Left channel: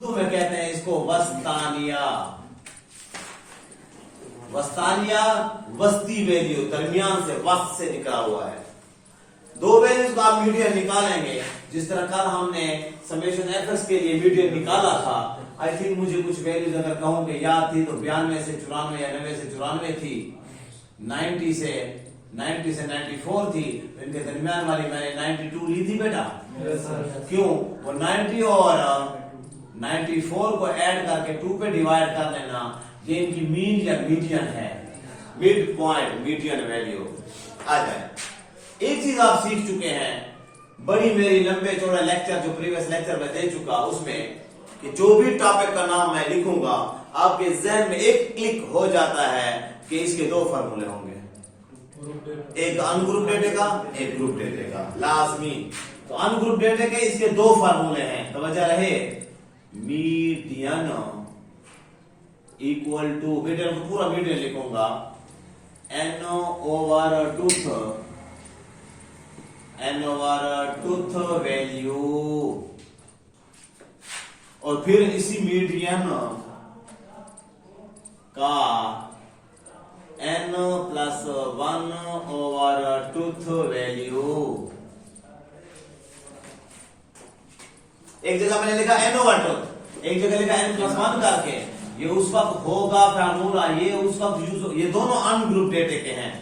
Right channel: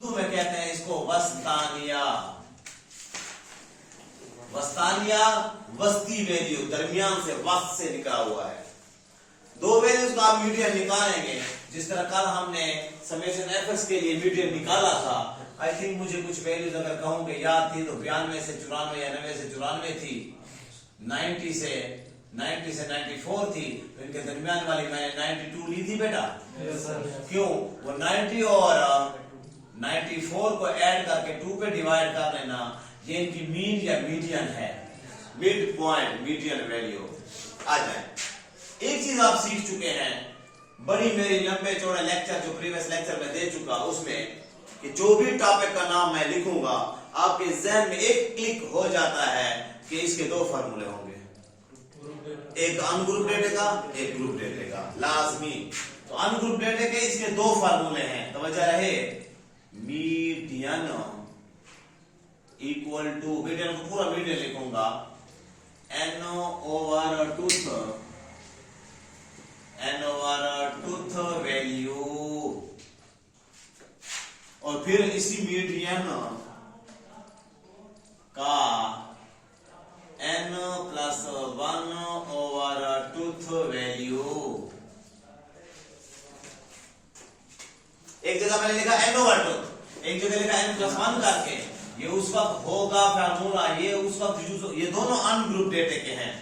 उर्दू में कहते हैं इसको वस्तानिया। वस्तानिया वस्ती वैल्यू, दरमियान से वस्त से निकला हुआ है। दो वैल्यूज को आप मीडियन निकालेंगे, जिस तरह कल हमने समेशन एफएस के लिए मीडियन निकाला था। आई थिंक मुझे कुछ वैल्यूज अगर कहूं कि याद थी तो 92 से 94 या 90 से 94 थी, 90 से 94 थी। तो इनके दरमियान वाली मैंने 92 ली थी बेटा। क्यों? वो 90 और 94 को ऐड करके 2 पे डिवाइड कर देना, ये इनकी मीन या मीडियन है। मिड पॉइंट मीडियन वैल्यू आ जाए। एक चीज आप सीख चुके हैं, बड़ी मेरी लंबे चौड़े लेक्चर जो प्रीवियस लेक्चर में दे चुका उसमें, कि जो भी टॉपिक का नाम मैं लिखूंगा आपके जहन में एक क्लिक हो जाता है कि इसके दो फार्मूले होंगे, एक अनग्रुप डेटा का, एक ग्रुप डेटा का, लाजमी। तो अनग्रुप डेटा के इसके दो फार्मूले हैं, समझ रहे। मीडियन इक्वल टू, मीडियन को पूरा मीडियन लिखूंगा, n ओवर टूथ वैल्यू, और फिर इसी मीडियन का n plus 1 over tooth value. एक जगह मैंने लिखा n ओवर टूथ, एक जगह लिखा n प्लस 1 करके। ये उस वक्त होगा फार्मूला, ये उस वक्त यूज, ये दोनों अनग्रुप डेटा के हैं।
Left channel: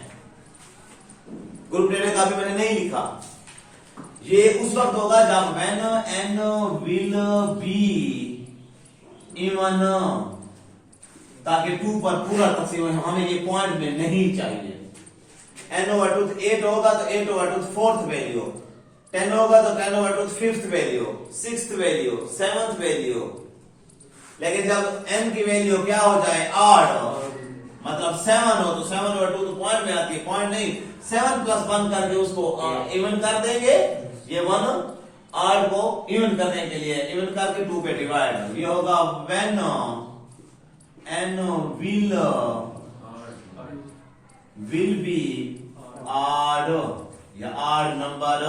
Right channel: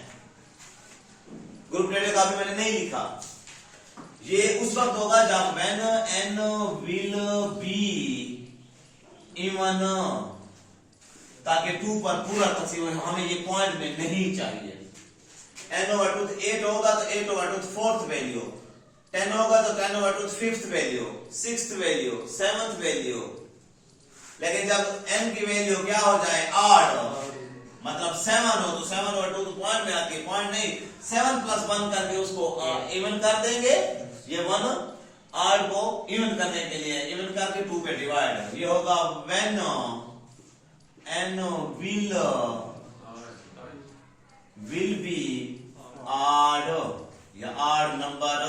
ग्रुप डेटा का भी मैंने नहीं लिखा। ये उस वक्त होगा जब when n will be even, ताकि 2 पर पूरा तकसीम, हमें ये पॉइंट में नहीं चाहिए। n ओवर टूथ 8 होगा तो 8 ओवर टूथ 4th वैल्यू, 10 होगा तो 10 over tooth 5th value, 6th value, 7th value. लेकिन जब n की वैल्यू क्या हो जाए, 8, मतलब 7 हो, तो 7 ओवर 2 तो पॉइंट में आती है, पॉइंट नहीं, 7 प्लस 1 करके उसको इवन कर देंगे। ये 1 8 को इवन करने के लिए इवन करके 2 पे डिवाइड, ये होगा when n will be odd या odd नंबर।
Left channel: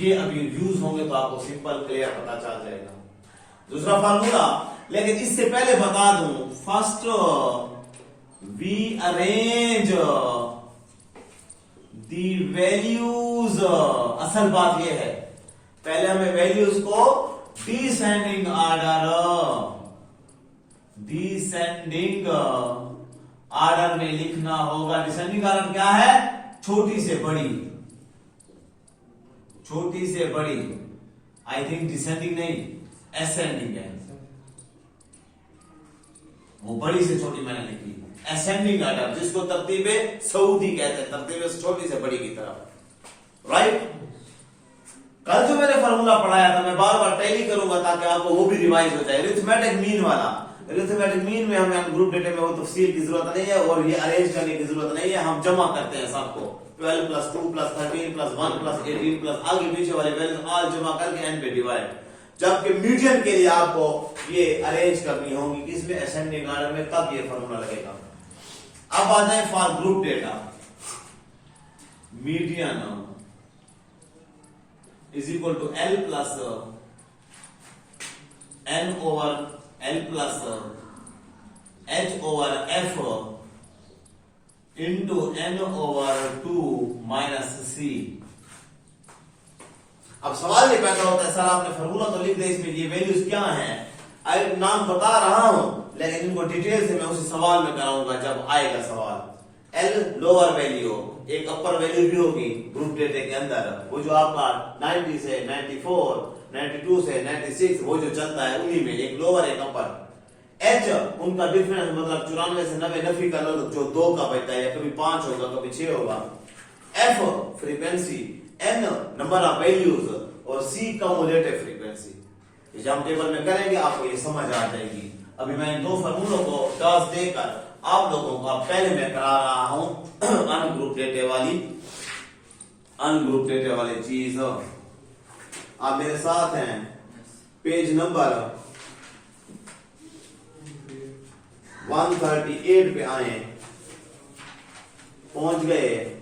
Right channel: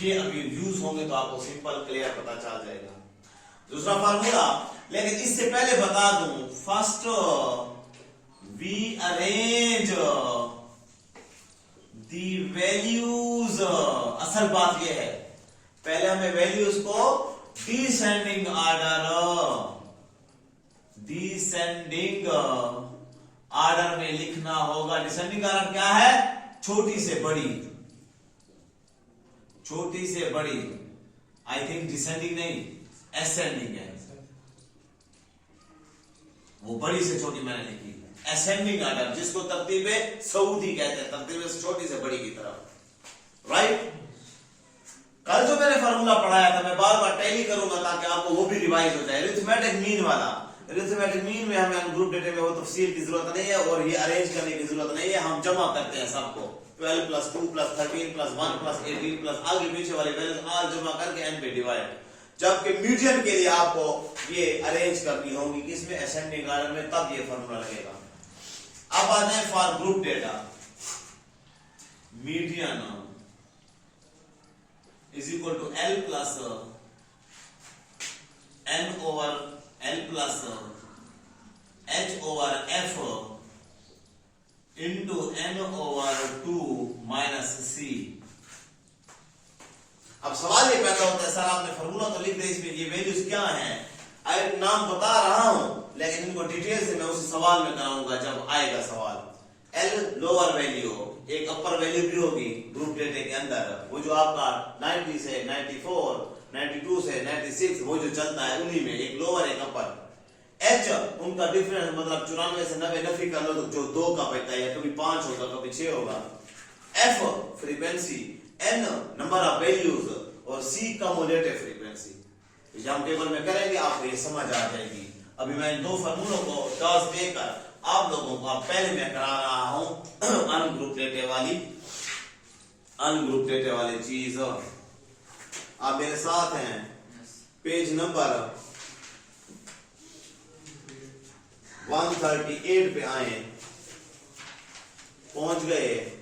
ये अभी यूज होंगे तो आपको सिंपल क्लियर पता चल जाएगा। दूसरा फार्मूला, लेकिन इससे पहले बता दूं, first we arrange the values. असल बात यह है, पहले हमें वैल्यूज को डिसेंडिंग ऑर्डर में लिखना होगा। डिसेंडिंग ऑर्डर क्या है? छोटी से बड़ी, छोटी से बड़ी। आई थिंक डिसेंडिंग नहीं, एसेंडिंग है। वो बड़ी से छोटी मैंने लिखी, असेंडिंग ऑर्डर, जिसको तरतीबे सऊदी कहते हैं, तरतीबे से छोटी से बड़ी की तरफ। राइट? कल जो मैंने फार्मूला पढ़ाया था, मैं बार बार टैली करूंगा ताकि आपको वो भी रिवाइज हो जाए। अरिथमेटिक मीन वाला, अरिथमेटिक मीन में हमें ग्रुप डेटा में वो तफसील की जरूरत नहीं है और ये अरेंज करने की जरूरत नहीं है। हम जमा करते हैं सबको, 12 plus 2 plus 13 plus 1 plus 18 plus आगे पीछे वाले वैल्यू ऑल जमा करके n पे डिवाइड। जबकि मीडियन के लिए आपको ये अरेंज करनी होगी किसमें, असेंडिंग ऑर्डर में, तब ये फार्मूला लगेगा। अब आ जाए for group data. Median is equal to L plus N over L plus H over F into N over 2 minus C। अब सवाल ये पैदा होता है, सर आपने फार्मूला तो लिख दिया, इसमें ये वैल्यूज क्या हैं? आई नाम बता रहा हूं, लेकिन इनको डिटेल से मैं उसी सवाल में कराऊंगा जब आएगा सवाल। L लोअर वैल्यू, एक अपर वैल्यू भी होगी ग्रुप डेटा के अंदर, वो जो आपका 90 से 94, 92 से 96 वो जो चलता है, उन्हीं में एक लोअर एक अपर। H उनका डिफरेंस, मतलब 94 से 90 नफी कर लो, जो 2 का बचता है, कभी 5 होगा कभी 6 होगा। F frequency, N number of values, और C कम्युलेटिव फ्रीक्वेंसी। जब हम टेबल में करेंगे आपको ये समझ आ जाएगी। अभी मैं इन दो फार्मूलों को टॉस देकर आप लोगों को पहले मैं करा रहा हूं अनग्रुप डेटा वाली चीज। आप मेरे साथ हैं, पेज नंबर 138 पे आए, पहुंच गए।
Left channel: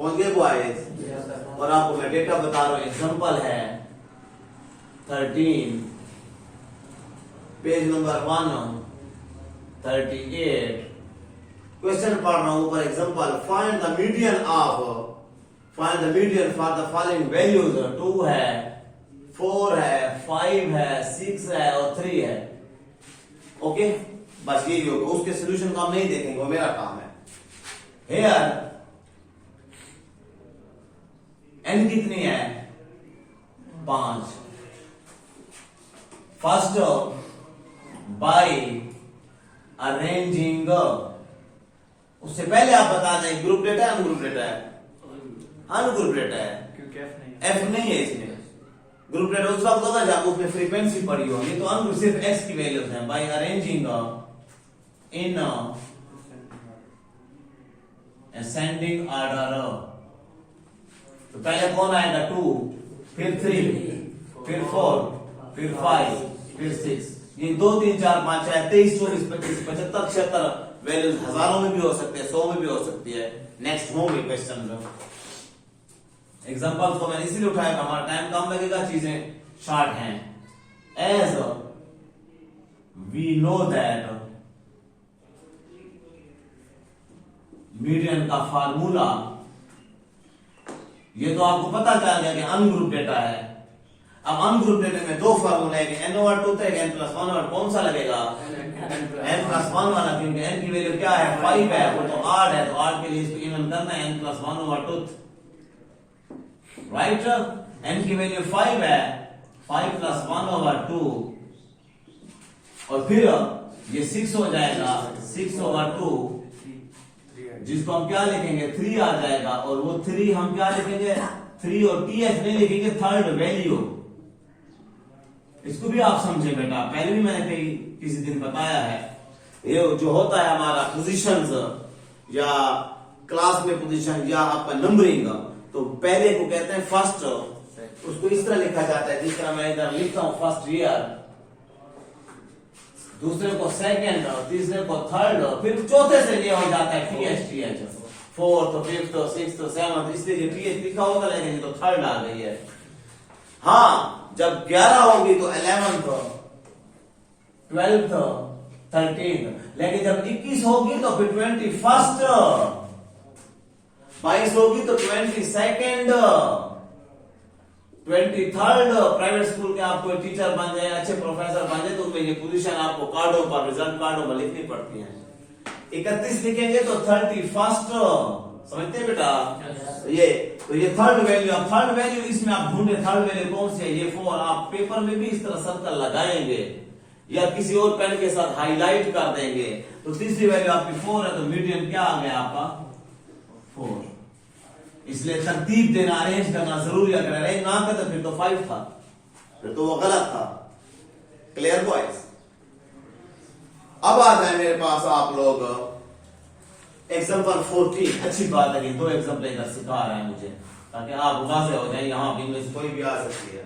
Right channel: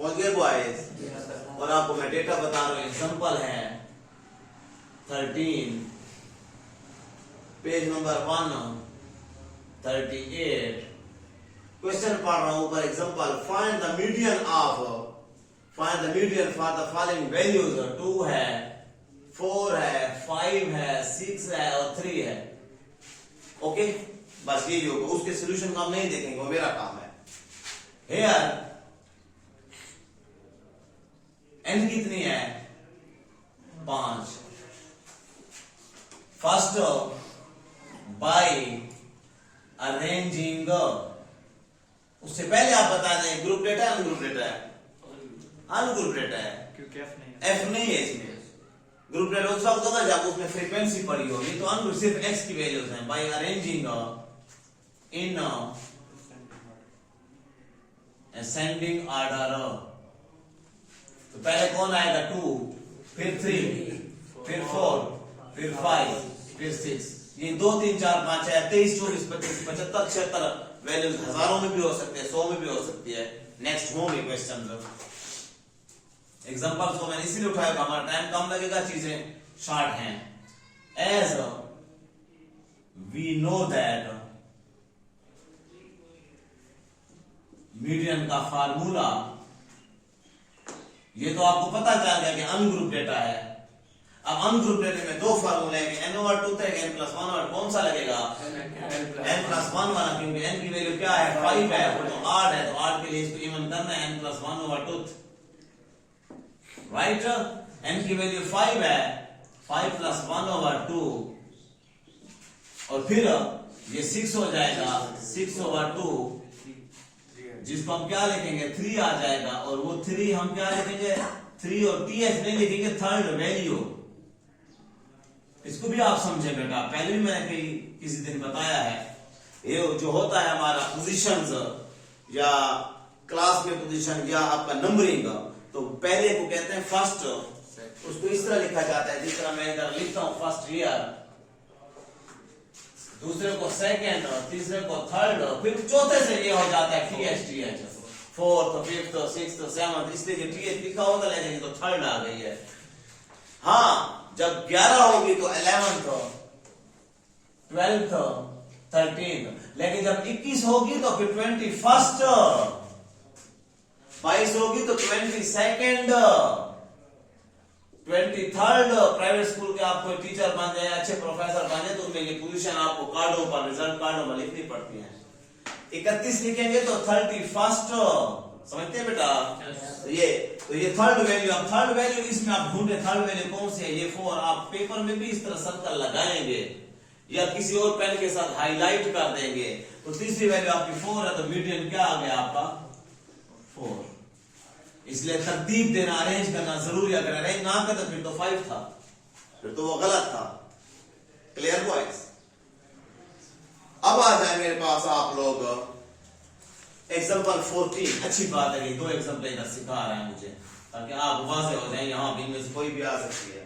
पहुंच गए बॉयज? और आपको मैं डेटा बता रहा हूं, एग्जांपल है 13, पेज नंबर 138, क्वेश्चन पढ़ रहा हूं ऊपर example, find the median for the following values. 2 है, 4 है, 5 है, 6 है और 3 है। ओके, बस यही होगा, उसके सोल्यूशन को हम नहीं देखेंगे, वो मेरा काम है। हेयर एन कितनी है? 5। फर्स्ट बाय अरेंजिंग, उससे पहले आप बता दें ग्रुप डेटा है अनग्रुप डेटा है? अनग्रुप डेटा है, क्योंकि एफ नहीं है इसमें। ग्रुप डेटा उस वक्त होता जब उसमें फ्रीक्वेंसी पड़ी होगी, तो अनग्रुप सिर्फ एक्स की वैल्यूज हैं। By arranging in ascending order, तो पहले कौन आएगा? 2, फिर 3, फिर 4, फिर 5, फिर 6। ये 2, 3, 4, 5 है, 23, 24, 25, 75, 76 वैल्यूज हजारों में भी हो सकते हैं, 100 में भी हो सकती है। नेक्स्ट होंगे क्वेश्चन। एग्जांपल्स को मैंने इसीलिए उठाया, हमारा टाइम कम लगेगा, चीजें शॉर्ट हैं। As we know that median का फार्मूला, ये तो आपको पता चल गया कि अनग्रुप डेटा है। अब अनग्रुप डेटा में 2 फार्मूला है, n/2 है, n+1, कौन सा लगेगा? n+1 वाला, क्योंकि n की वैल्यू क्या है? 5 है, वो तो ऑड है, तो ऑड के लिए इसको इवन करना है, n+1/2, राइट? n की वैल्यू 5 है, 5 + 1/2, और फिर ये 6 हो जाएगा, 6/2, जिसको हम क्या लिखेंगे? 3 आ जाएगा, और वो 3 हम क्या लिखेंगे? 3 और ts नहीं लिखेंगे, थर्ड वैल्यू। इसको भी आप समझे बेटा, पहले भी मैंने कहीं किसी दिन बताया है। ये जो होता है हमारा पोजीशंस, या क्लास में पोजीशन, या आपका नंबरिंग, तो पहले को कहते हैं फर्स्ट, उसको इस तरह लिखा जाता है जिस तरह मैं इधर लिखता हूं, फर्स्ट ईयर, दूसरे को सेकंड, तीसरे को थर्ड, फिर चौथे से ये हो जाता है TH, 4th, 5th, 6th, 7th, इसलिए TH लिखा होगा, लेकिन तो थर्ड आ गई है। हाँ, जब 11 होगी तो 11th, 12th, 13th, लेकिन जब 21 होगी तो फिर 21st, 22 होगी तो 22nd, 23rd। प्राइवेट स्कूल के आप कोई टीचर बन जाए, अच्छे प्रोफेसर बन जाए, तो उसमें ये पोजीशन आपको कार्डों पर, रिजल्ट कार्डों पर लिखनी पड़ती है। 31 लिखेंगे तो 31st, समझते हैं बेटा? तो ये थर्ड वैल्यू, अब थर्ड वैल्यू इसमें आप ढूंढे, थर्ड वैल्यू कौन सी है? ये 4। आप पेपर में भी इस तरह सर्कल लगाएंगे, या किसी और पेन के साथ हाईलाइट कर देंगे, तो तीसरी वैल्यू आपकी 4 है, तो मीडियन क्या आ गया आपका? 4। इसलिए तरतीब देना, अरेंज करना जरूरी। अगर अरेंज ना कर तो फिर तो 5 था, फिर तो वो गलत था। Clear boys? अब आ जाए मेरे पास आप लोग एग्जांपल 14। अच्छी बात है कि 2 एग्जांपल इधर सिखा रहे हैं मुझे, ताकि आप वाज़ेह हो जाए, यहां भी में से कोई भी आ सकती है।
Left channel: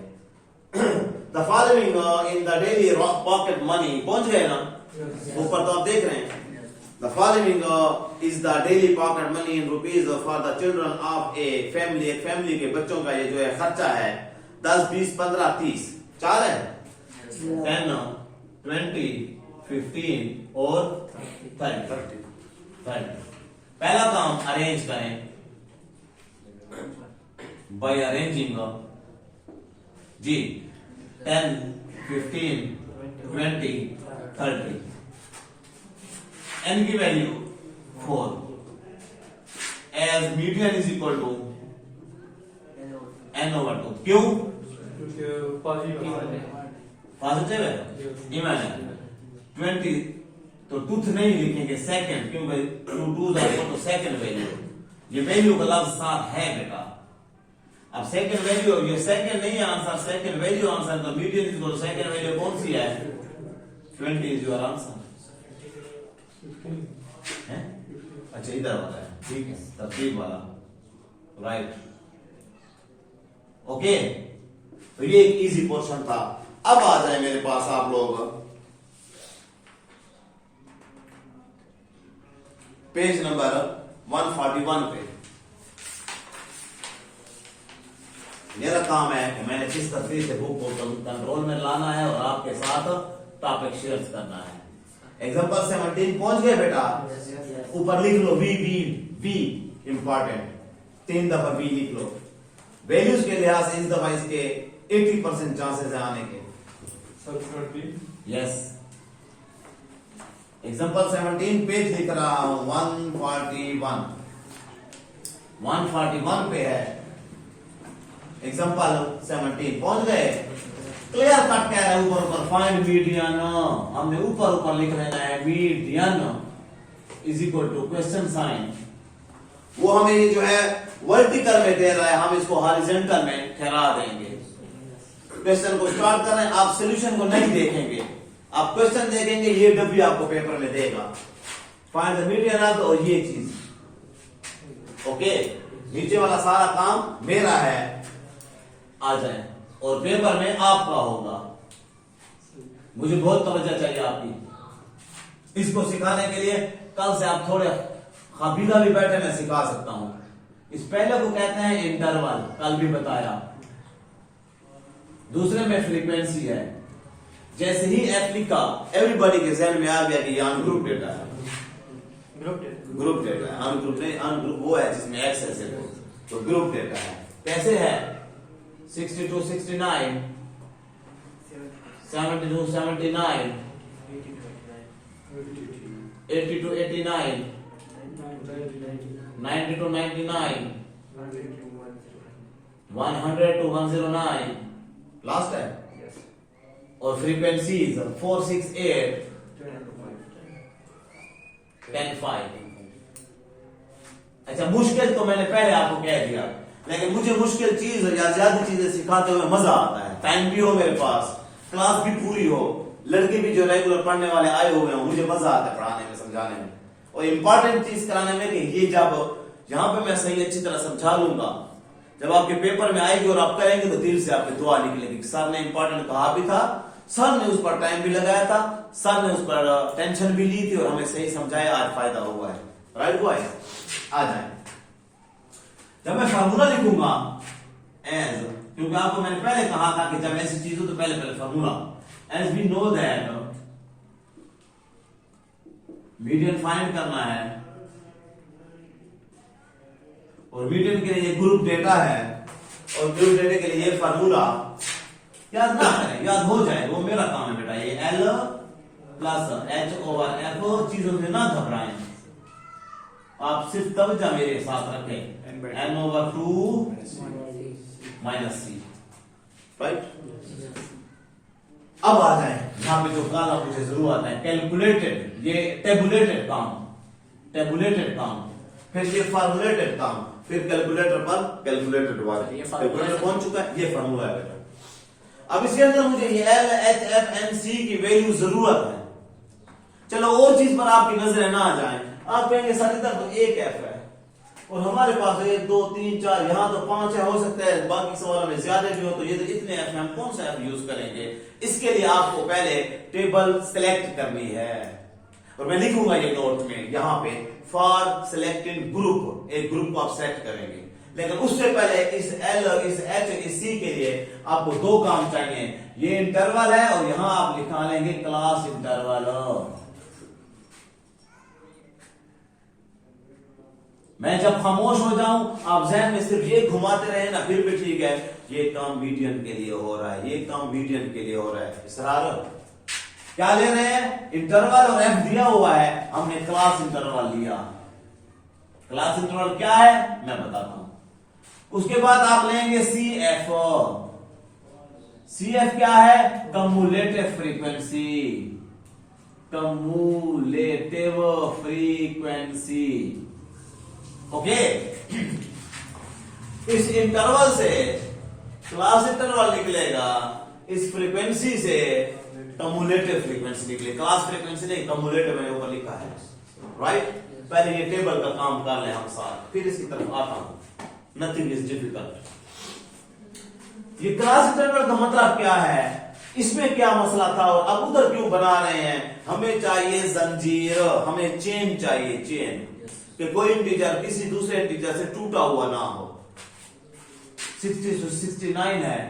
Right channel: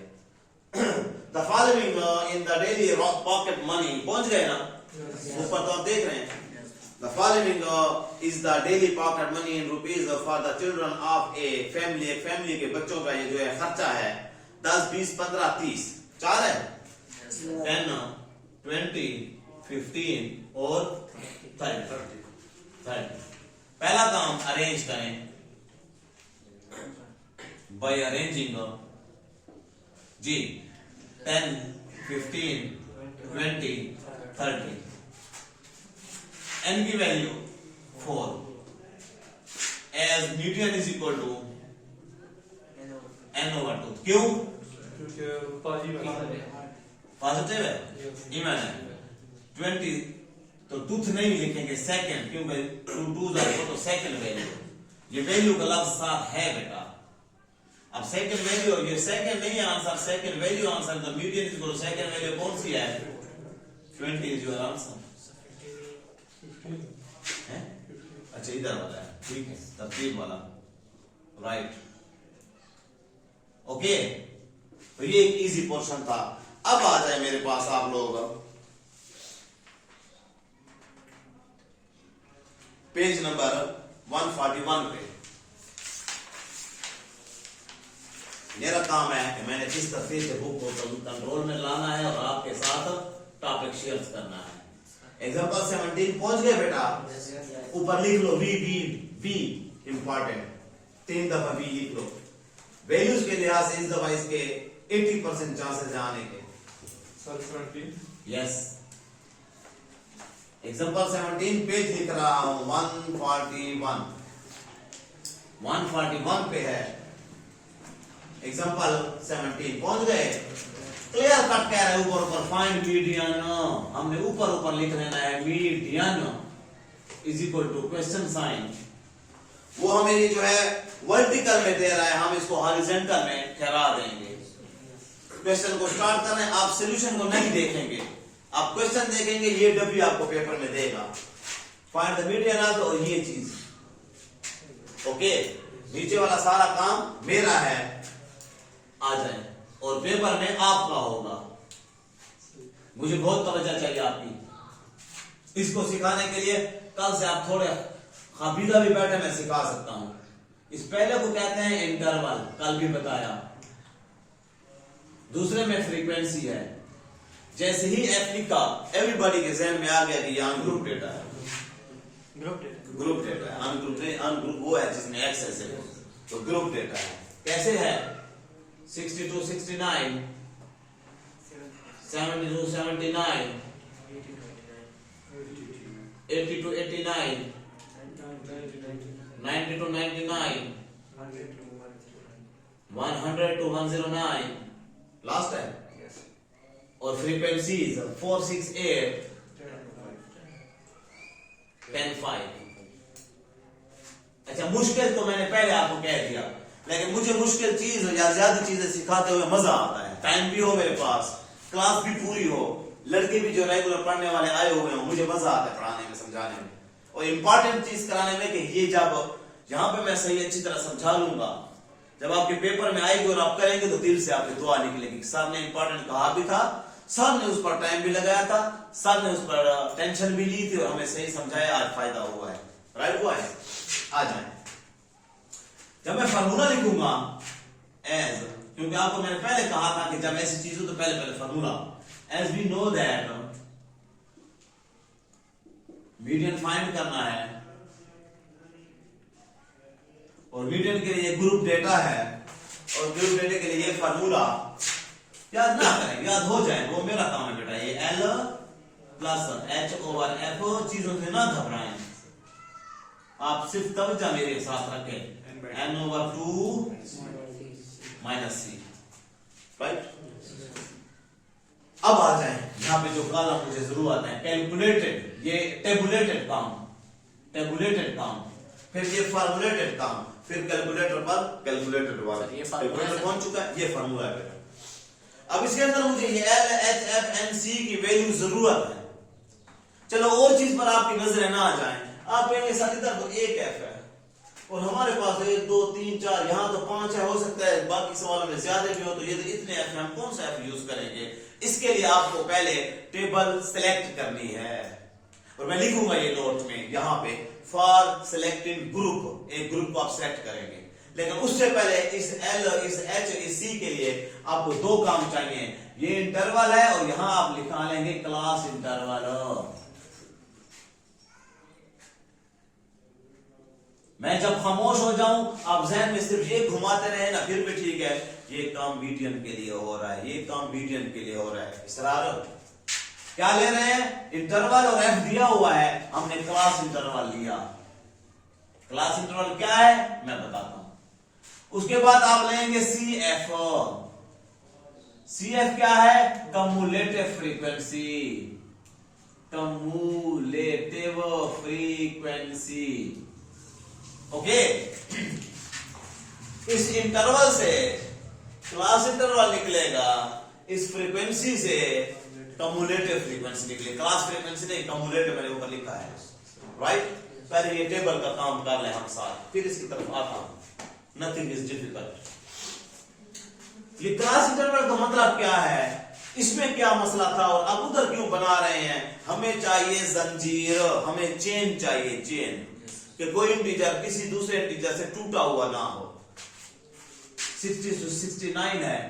The following in the daily pocket money, पहुंच गए ना ऊपर? तो आप देख रहे हैं, the following is the daily pocket money in rupees for the children of a family. एक फैमिली के बच्चों का ये जो है खर्चा है 10, 20, 15, 30, 4 है, 10, 20, 15 और 30। पहला काम अरेंज करें, बाय अरेंजिंग जी 10, 15, 20, 30। n की value 4, as median is equal to n/2। क्यों? पॉजिटिव है, इमेजिन 20, तो टूथ नहीं लिखेंगे, सेकंड, क्योंकि 2 2s are equal to second value. ये वैल्यू का लफ्ज साथ है बेटा। अब सेकंड वैल्यू, ये सेकंड नहीं है आंसर, सेकंड वैल्यू आंसर, तो median is equal to second value कौन सी है? 20 इज योर आंसर। अच्छा, इधर वाला है, ठीक है, तरतीब वाला, राइट। ओके, तो ये एक इजी पोर्शन था। अब आ जाए मेरे पास आप लोग पेज नंबर 141 पे। मेरा काम है कि मैंने किस तरीके से बुक को कंट्रोल में लाना है और आपके साथ टॉपिक शेयर करना है। एग्जांपल 17 पहुंच गए बेटा? ऊपर लिख लो वी वी वी इंपॉर्टेंट, 3 दफा वी लिख लो। वैल्यूज के लिहाज से इस दफा इसके 80% चांसेस है आने के। यस। एग्जांपल 17 पेज लिख रहा हूं 141 पे है। एग्जांपल 17 पहुंच गए? तो यार कट कह रहा है ऊपर ऊपर फाइंड मीडियन, हमने ऊपर लिख लेना है median is equal to question sign. वो हमें ये जो है वर्टिकल में दे रहा है, हम इसको हॉरिजॉन्टल में ठहरा देंगे। क्वेश्चन को स्टार्ट कर रहे हैं, आप सॉल्यूशन को नहीं देखेंगे, आप क्वेश्चन देखेंगे, ये डब्ल्यू आपको पेपर में देगा फाइंड द मीडियन ऑफ, और ये चीज ओके। नीचे वाला सारा काम मेरा है, आ जाए, और पेपर में आपका होगा। मुझे बहुत तवज्जो चाहिए आपकी। इसको सिखाने के लिए कल से आप थोड़े खबीला भी बैठे, मैं सिखा सकता हूं। इस पहले को कहते हैं इंटरवल, कल भी बताया। दूसरे में फ्रीक्वेंसी है। जैसे ही एफ लिखा, एवरीबॉडी के जहन में आ गया कि ये अनग्रुप डेटा है, ग्रुप डेटा है। अनग्रुप वो है जिसमें एक्सेस है, तो ग्रुप डेटा है। कैसे है? 60 to 69, 70 to 79, 80 to 89, 90 to 99, 100 to 109, last है। और फ्रीक्वेंसीज 468, 10.5। अच्छा, मुश्किल तो मैंने पहले आपको कह दिया, लेकिन मुझे मुश्किल चीज या ज्यादा चीजें सिखाते हुए मजा आता है। टाइम भी हो मेरे पास, क्लास भी पूरी हो, लड़के भी जो रेगुलर पढ़ने वाले आए हुए हो, मुझे मजा आता है पढ़ाने में, समझाने में, और इंपॉर्टेंट चीज कराने में कि ये जब जहां पे मैं सही अच्छी तरह समझा लूंगा, जब आपके पेपर में आएगी और आप करेंगे तो दिल से आपकी दुआ निकलेगी। सर ने इंपॉर्टेंट कहा भी था, सर ने उस पर टाइम भी लगाया था, सर ने उस पर टेंशन भी ली थी और हमें सही समझाया, आज फायदा हुआ है। राइट हुआ है? आ जाए। जब मैं फार्मूला लिखूंगा एज, क्योंकि आपको मैंने पहले कहा था कि जब ऐसी चीज हो तो पहले formula, as we know that median find करना है, और मीडियन के लिए ग्रुप डेटा है, और ग्रुप डेटा के लिए ये फार्मूला याद ना करें, याद हो जाए, वो मेरा काम है बेटा। ये L प्लस H/F, चीजों से ना घबराएं, आप सिर्फ तवज्जो मेरे साथ रखें। N/2 minus C, right. अब आ जाए यहां पे जो काला मुझे जरूर आता है, कैलकुलेटेड, ये टेबुलेटेड काम, फिर ये फॉर्मुलेटेड काम, फिर कैलकुलेटर पर कैलकुलेटेड वाला, कैलकुलेटर पहुंच चुका है, ये फार्मूला है बेटा। अब इसके अंदर मुझे ये L, H, F, N, C की वैल्यू जरूरत है। चलो और चीज पर आपकी नजरें ना आ जाए, आप कहेंगे सर इधर तो एक F है और हमारे पास 1 2 3 4, यहाँ तो 5 है, हो सकता है बाकी सवालों में ज्यादा भी हो, तो ये तो इतने F, हम कौन सा F यूज करेंगे? इसके लिए आपको पहले टेबल सिलेक्ट करनी है, और मैं लिखूंगा ये नोट में यहाँ पे, फॉर सिलेक्टिंग ग्रुप, एक ग्रुप को आप सेलेक्ट करेंगे। लेकिन उससे पहले इस L, इस H, इस C के लिए आपको 2 काम चाहिए। ये इंटरवल है और यहां आप लिखा लेंगे क्लास इंटरवल। मैं जब खामोश हो जाऊं, आप जहन में सिर्फ ये घुमाते रहे ना, फिर भी ठीक है, ये काम मीडियन के लिए हो रहा है, ये काम मीडियन के लिए हो रहा है। इसरार क्या ले रहे हैं? इंटरवल, और F दिया हुआ है, हमने क्लास इंटरवल लिया। क्लास इंटरवल क्या है मैं बताता हूं। उसके बाद आप लेंगे CF। CF क्या है? Cumulative frequency, cumulative frequency, okay. इस इंटरवल से क्लास इंटरवल निकलेगा, इस फ्रीक्वेंसी से कम्युलेटिव फ्रीक्वेंसी निकले। क्लास फ्रीक्वेंसी नहीं, कम्युलेटिव मैंने ऊपर लिखा है, राइट। पहले ये टेबल का काम कर ले हम साथ, फिर इसकी तरफ आता हूं। Nothing is difficult. ये क्लास इंटरवल का मतलब क्या है, इसमें क्या मसला था और अब उधर क्यों बना रहे हैं? हमें चाहिए जंजीर, हमें चेन चाहिए, चेन, कि कोई इंटीजर किसी दूसरे इंटीजर से टूटा हुआ ना हो। 60 से 69 है,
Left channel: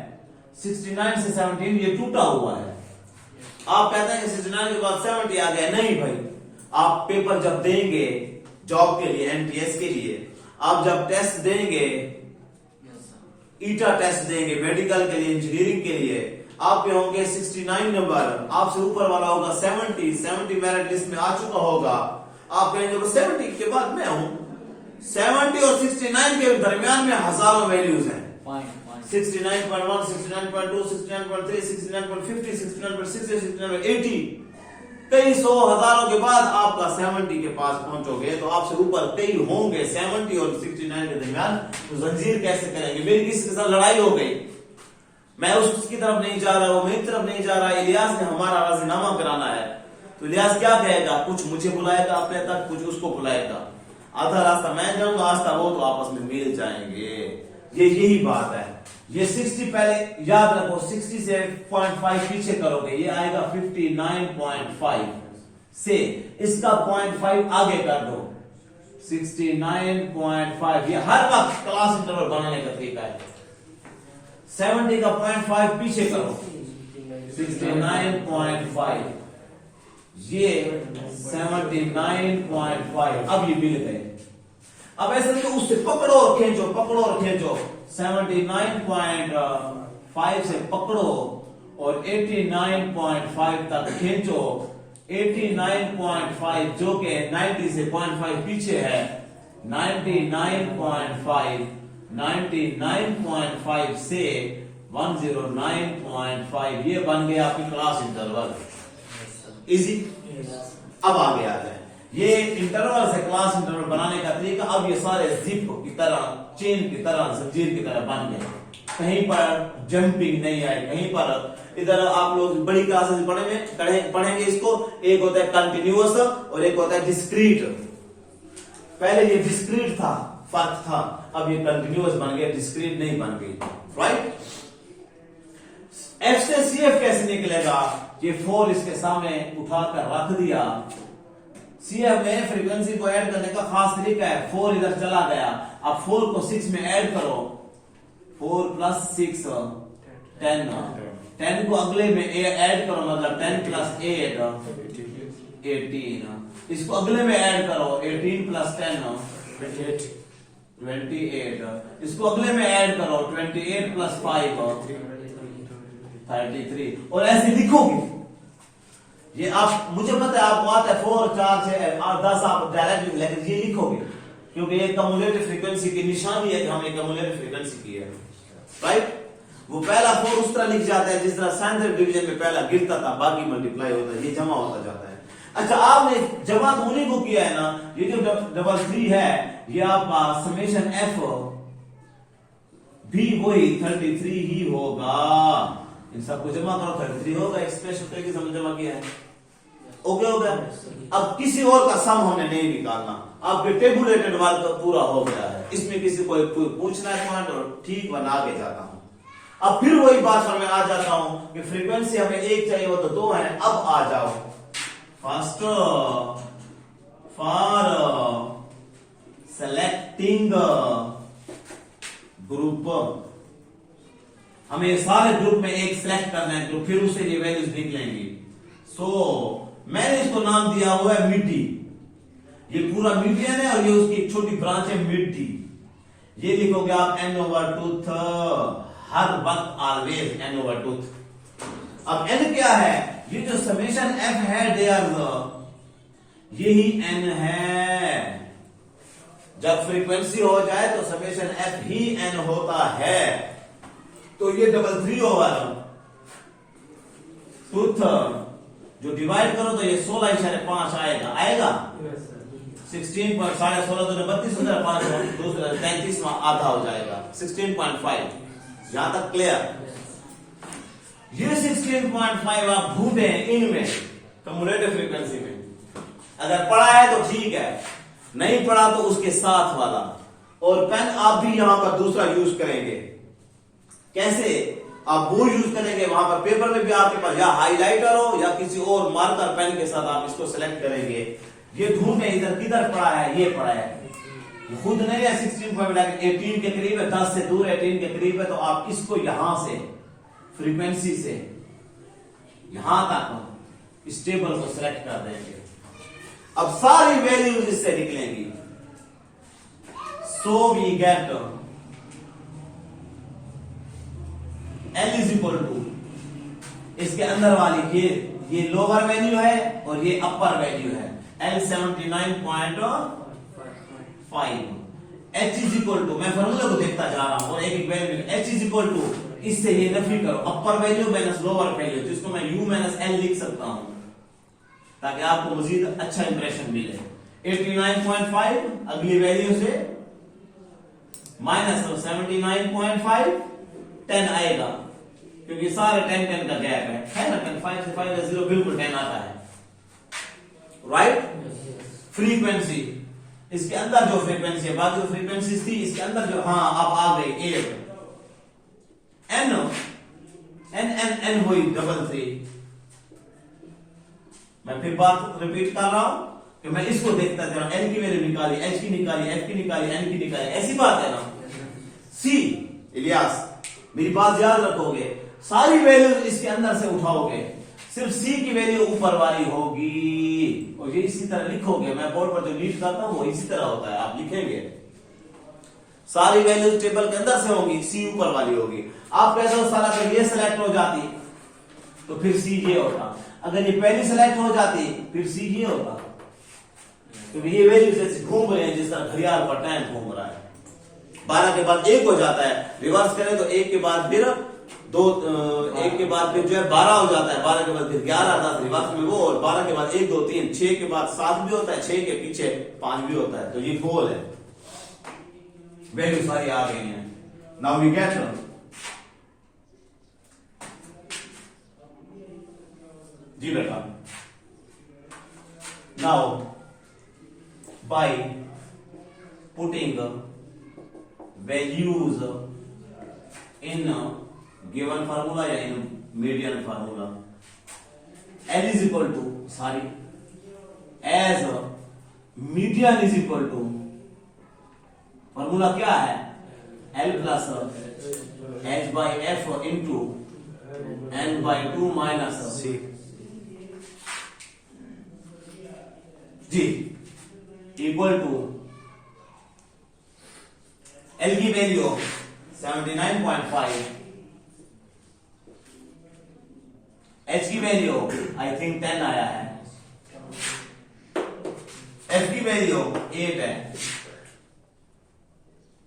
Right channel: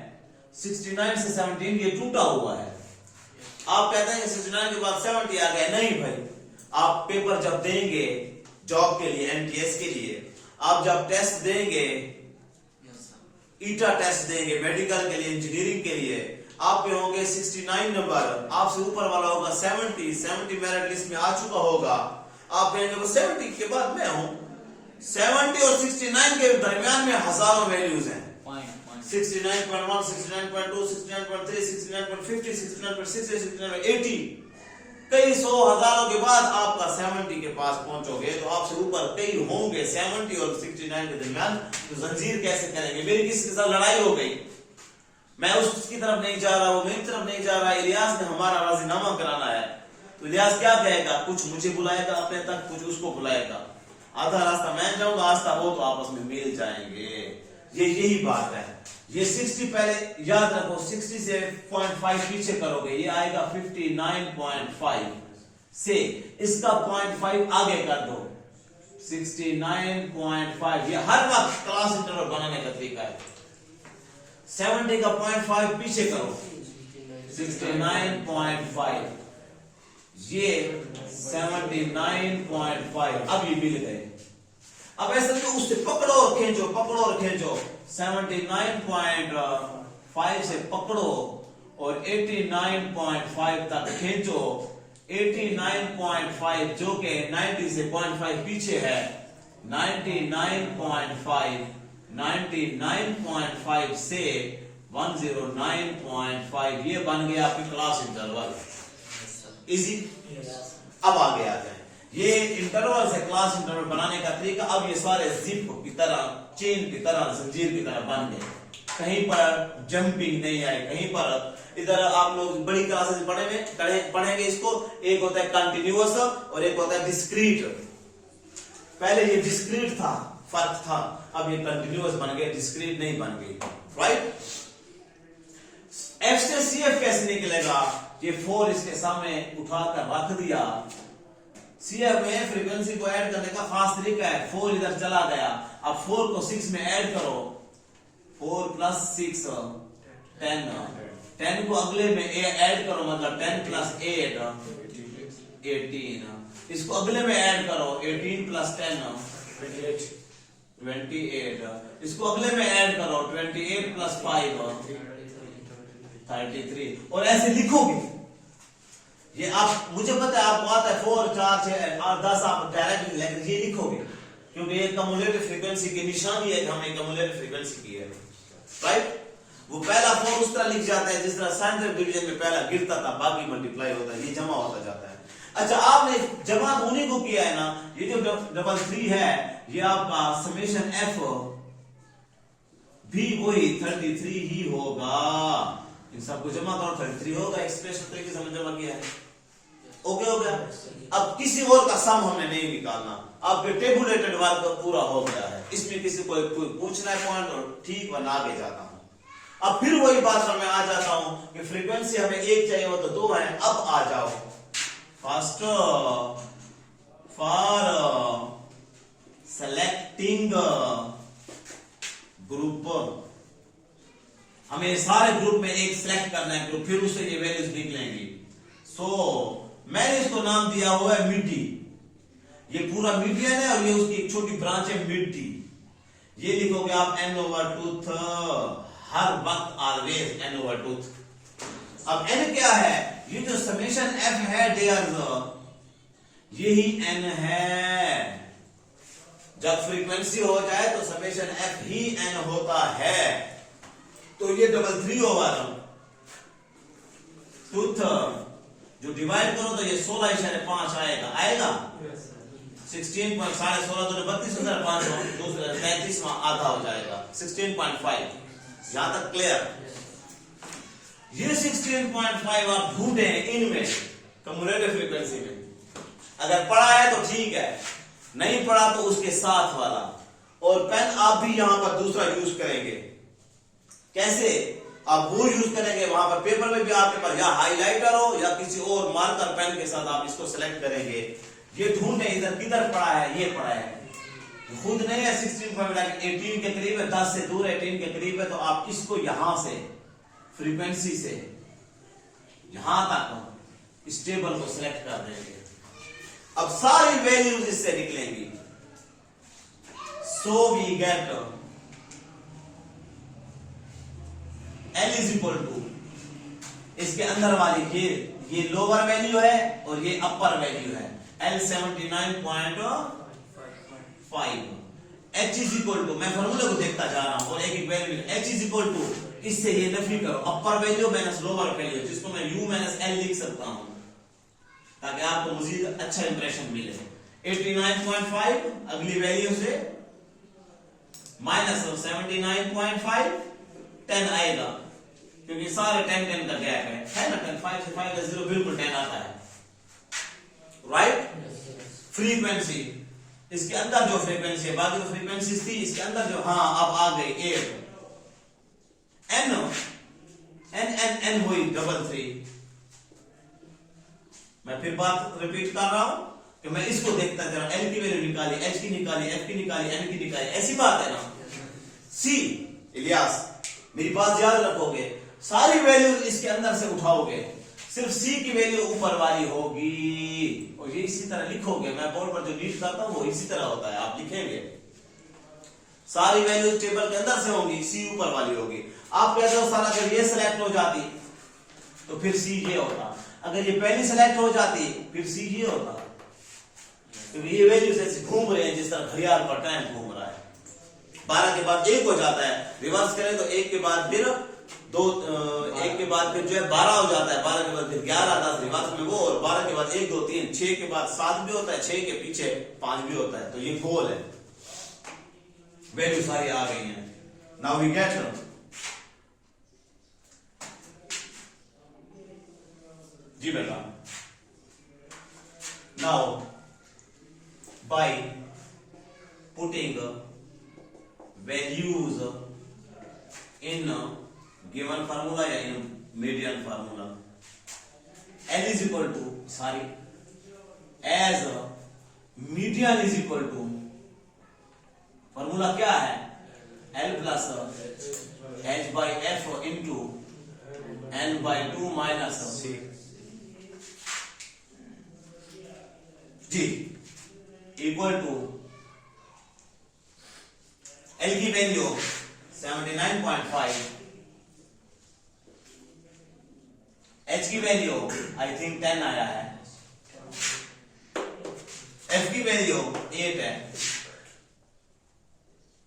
69 से 17 ये टूटा हुआ है। आप कहते हैं कि 69 के बाद 70 आ गया, नहीं भाई, आप पेपर जब देंगे जॉब के लिए, एनटीएस के लिए, आप जब टेस्ट देंगे, ईटा टेस्ट देंगे मेडिकल के लिए, इंजीनियरिंग के लिए, आप पे होंगे 69 नंबर, आपसे ऊपर वाला होगा 70 मेरिट लिस्ट में आ चुका होगा, आप कहेंगे 70 के बाद मैं हूं। 70 और 69 के दरमियान में हजारों वैल्यूज हैं, 69.1, 69.2, 69.3, 69.50, 69.60, 69.80, कई सौ हजारों के बाद आपका 70 के पास पहुंचोगे तो आपसे ऊपर कई होंगे 70 और 69 के दरमियान। तो जंजीर कैसे करेंगे? मेरी किसी के साथ लड़ाई हो गई, मैं उसकी तरफ नहीं जा रहा, वो मेरी तरफ नहीं जा रहा, इलियास ने हमारा राजीनामा कराना है, तो इलियास क्या कहेगा? कुछ मुझे बुलाएगा अपने तक, कुछ उसको बुलाएगा, आधा रास्ता मैं जाऊंगा, आस्था वो, तो आपस में मिल जाएंगे। ये यही बात है। ये 60 पहले याद रखो, 60 से 0.5 पीछे करोगे, ये आएगा 59.5 से, इसका 0.5 आगे कर दो, 69.5। ये हर वक्त क्लास इंटरवल बनाने का तरीका है। 70 का 0.5 पीछे करो, 69.5, ये 79.5, अब ये मिल गए। अब ऐसे तो उससे पकड़ो और खींचो, पकड़ो और खींचो, 79.5 से पकड़ो और 89.5 तक खींचो। 89.5 जो कि 90 से 0.5 पीछे है, 99.5 से 109.5, ये बन गया आपकी क्लास इंटरवल। इजी। अब आ गया है ये इंटरवल से क्लास इंटरवल बनाने का तरीका। अब ये सारे जिप की तरह, चेन की तरह, जंजीर की तरह बन गए, कहीं पर जंपिंग नहीं आई, कहीं पर। इधर आप लोग बड़ी क्लासेस पढ़ेंगे इसको, एक होता है कंटिन्यूअस और एक होता है डिस्क्रीट। पहले ये डिस्क्रीट था, फर्क था, अब ये कंटिन्यूअस बन गया, डिस्क्रीट नहीं बन गई, राइट। एफ से सीएफ कैसे निकलेगा? ये 4 इसके सामने उठाकर रख दिया। सीएफ में फ्रीक्वेंसी को ऐड करने का खास तरीका है, 4 इधर चला गया, अब 4 को 6 में ऐड करो, 4 + 6 10, 10 को अगले में ऐड करो, मतलब 10 + 8 18, इसको अगले में ऐड करो, 18 + 10 28, इसको अगले में ऐड करो, 28 + 5 33, और ऐसे लिखोगे। ये आप, मुझे पता है आपको आता है 4 4 6 8 10, आप डायरेक्ट, लेकिन ये लिखोगे क्योंकि ये कम्युलेटिव फ्रीक्वेंसी की निशानी है कि हमने कम्युलेटिव फ्रीक्वेंसी की है, राइट। वो पहला 4 उस तरह लिख जाता है जिस तरह साइंटिफिक डिवीजन में पहला गिरता था, बाकी मल्टीप्लाई होता है, ये जमा होता जाता है। अच्छा, आपने जमा होने को किया है ना, ये जो 3 है, ये आपका समेशन एफ भी वही 33 ही होगा। इन सबको जमा करो, 33 होगा, एक्सप्रेशन तरीके से जमा किया है, ओके हो गया। अब किसी और का सम हमने नहीं निकालना, आपके टेबुलेटेड वर्क पूरा हो गया है, इसमें किसी को कोई पूछना है तो ठीक बना आगे जाता हूं। अब फिर वही बात पर मैं आ जाता हूं कि फ्रीक्वेंसी हमें 1 चाहिए, वो तो 2 है। अब आ जाओ, फर्स्ट फॉर सेलेक्टिंग ग्रुप, हमें सारे ग्रुप में एक सिलेक्ट करना है ग्रुप, फिर उससे ये वैल्यूज निकलेंगी। सो मैंने इसको नाम दिया हुआ है मिड डी, ये पूरा मीडियन है और ये उसकी एक छोटी ब्रांच है मिड डी। ये लिखोगे आप n/2, हर वक्त ऑलवेज n/2। अब n क्या है? ये जो समेशन f है डियर, यही n है। जब फ्रीक्वेंसी हो जाए तो समेशन f ही n होता है, तो ये 33 होगा टूथ, जो डिवाइड करो तो ये 16.5 आएगा, आएगा 16.16 तो 32,500, 33 आधा हो जाएगा 16.5। यहां तक क्लियर? ये 16.5 आप ढूंढे इनमें कम्युलेटिव फ्रीक्वेंसी में, अगर पढ़ा है तो ठीक है, नहीं पढ़ा तो उसके साथ वाला। और पेन आप भी यहां पर दूसरा यूज करेंगे। कैसे? आप वो यूज करेंगे, वहां पर पेपर में भी आपके पास या हाइलाइटर हो या किसी और मार्कर पेन के साथ आप इसको सिलेक्ट करेंगे। ये ढूंढे इधर किधर पड़ा है, ये पड़ा है, खुद नहीं है 16.18 के करीब है, 10 से दूर 18 के करीब है, तो आप इसको यहां से फ्रीक्वेंसी से यहां तक इस टेबल को सिलेक्ट कर देंगे। अब सारी वैल्यूज इससे निकलेंगी। So we get L is equal to इसके अंदर वाली ये लोअर वैल्यू है और ये अपर वैल्यू है L 79.5। H is equal to, मैं फॉर्मूला को देखता जा रहा हूं और एक एक value H is equal to, इससे ये नफी करो upper value minus lower value, जिसको मैं U माइनस L लिख सकता हूं ताकि आपको मजीद अच्छा इंप्रेशन मिले। 89.5 अगली वैल्यू से माइनस 79.5 10 आएगा क्योंकि सारे 10 का गैप है ना, 10 5 से 5 से 0 बिल्कुल 10 आता है, राइट। फ्रीक्वेंसी इसके अंदर जो फ्रीक्वेंसी है, बाकी जो फ्रीक्वेंसी थी इसके अंदर जो, हाँ अब आ गई 8 n हुई 33। मैं फिर बात रिपीट कर रहा हूं कि मैं इसको देखता जा रहा हूं, L की वैल्यू निकाली, H की निकाली, F की निकाली, N की निकाली, ऐसी बात है ना। C इलियास मेरी बात याद रखोगे, सारी वैल्यू इसके अंदर से उठाओगे, सिर्फ C की वैल्यू ऊपर वाली होगी और ये इसी तरह लिखोगे। मैं बोर्ड पर जो रीड करता हूं वो इसी तरह होता है, आप लिखेंगे सारी वैल्यू टेबल के अंदर से होंगी, C ऊपर वाली होगी। आप कहते हो सारा अगर ये सिलेक्ट हो जाती तो फिर C ये होता, अगर ये पहली सिलेक्ट हो जाती फिर C ये होता, क्योंकि ये वैल्यू जैसे घूम रहे हैं जिस तरह घड़ियाल पर टाइम घूम रहा है। 12 के बाद 1 हो जाता है, रिवर्स करें तो 1 के बाद फिर 2, 1 के बाद फिर जो है 12 हो जाता है, 12 के बाद फिर 11, 10 रिवर्स में वो, और 12 के बाद 1 2 3, 6 के बाद 7 भी होता है, 6 के पीछे 5 भी होता है। तो ये गोल है, वैल्यू सारी आ गई है। नाउ वी गेट जी बेटा, now by putting values in given formula या in median formula, L is equal to, sorry, as median is equal to, formula क्या है, L plus H by F into N by 2 minus G equal to L की value 79.5, H की value I think 10 आया है, F की value 8 है,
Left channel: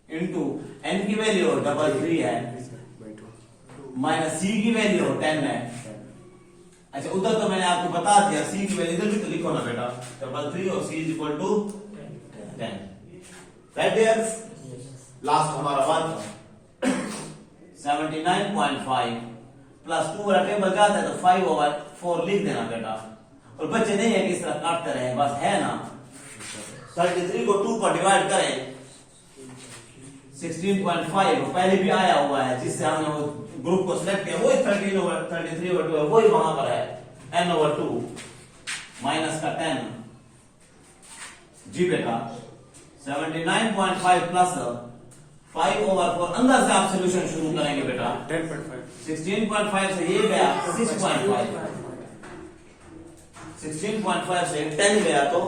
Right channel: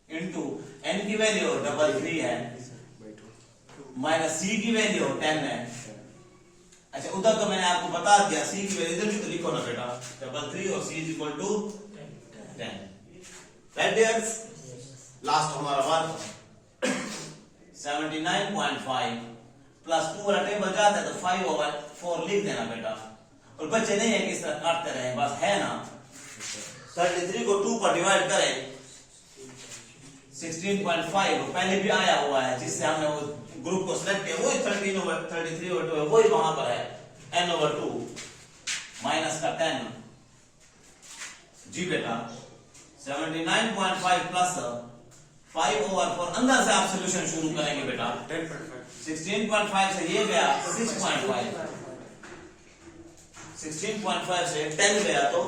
into N की value 33 है, माइनस C की वैल्यू 10 है। अच्छा उधर तो मैंने आपको बता दिया, C की वैल्यू इधर भी तो लिखो ना बेटा, 33 और C is equal to 10, right dears. Last हमारा वन 79.5 प्लस 2 वाला टेबल जाता है तो 5/4 लिख देना बेटा, और बच्चे नहीं है कि इस तरह काटते रहे, बस है ना। 33 को 2 पर डिवाइड करें 16.5 पहले भी आया हुआ है जिससे हमने वो ग्रुप को सिलेक्ट किया, वही 33/2 वही वहां पर है, n/2 माइनस का 10 जी बेटा। 79.5 प्लस 5/4 अंदर से आप सोल्यूशन शुरू करेंगे बेटा। 16.5 से ये गया 6.5, 16.5 से 10 गया तो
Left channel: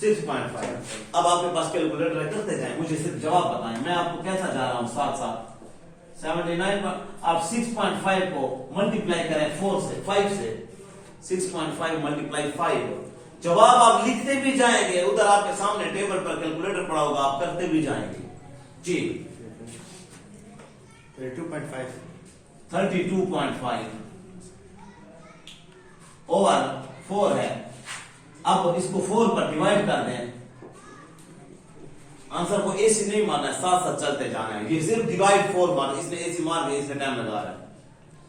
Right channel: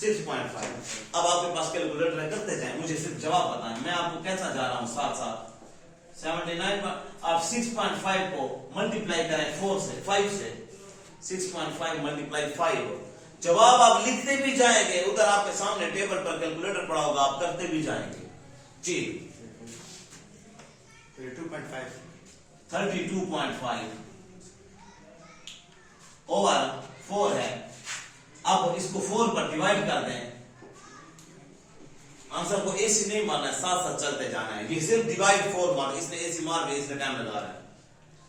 6.5। अब आपके पास कैलकुलेटर है, करते जाएं, मुझे सिर्फ जवाब बताएं, मैं आपको कहता जा रहा हूं साथ साथ। 79 आप 6.5 को मल्टीप्लाई करें 4 से 5 से, 6.5 मल्टीप्लाई 5, जवाब आप लिखते भी जाएंगे, उधर आपके सामने टेबल पर कैलकुलेटर पड़ा होगा, आप करते भी जाएंगे जी। 32.5 ओवर 4 है। अब इसको 4 पर डिवाइड कर दें, आंसर को ऐसे नहीं मारना है, साथ साथ चलते जाना है, ये सिर्फ डिवाइड 4 मार, इसने ऐसी मार के इसने टाइम लगा रहा है।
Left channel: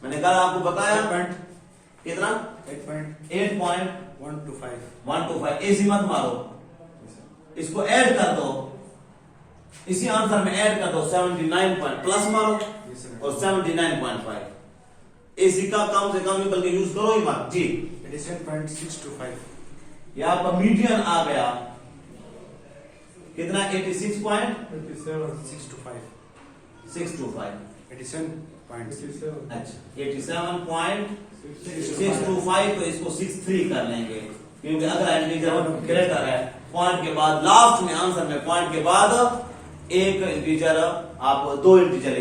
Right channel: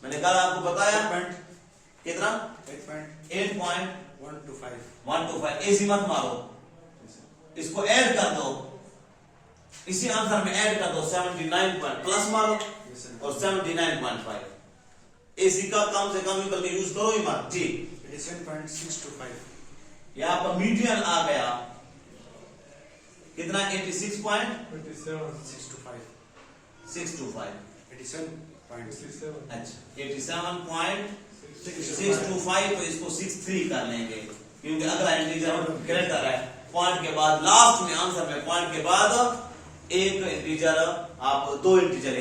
मैंने कल आपको बताया कितना 8.125 ऐसी मत मारो, इसको ऐड कर दो, इसी आंसर में ऐड कर दो 79 प्लस मारो और 79.5, एसी का कम से कम बल्कि यूज करो ही मत जी। 87.625 ये आपका मीडियन आ गया कितना 86 पॉइंट 625 अच्छा 87.625 तो इसको 63 कर लेंगे क्योंकि अगला इंटीजर ग्रेटर है। पॉइंट के बाद लास्ट में आंसर में पॉइंट के बाद एक इंटीजर आप दो इंटीजर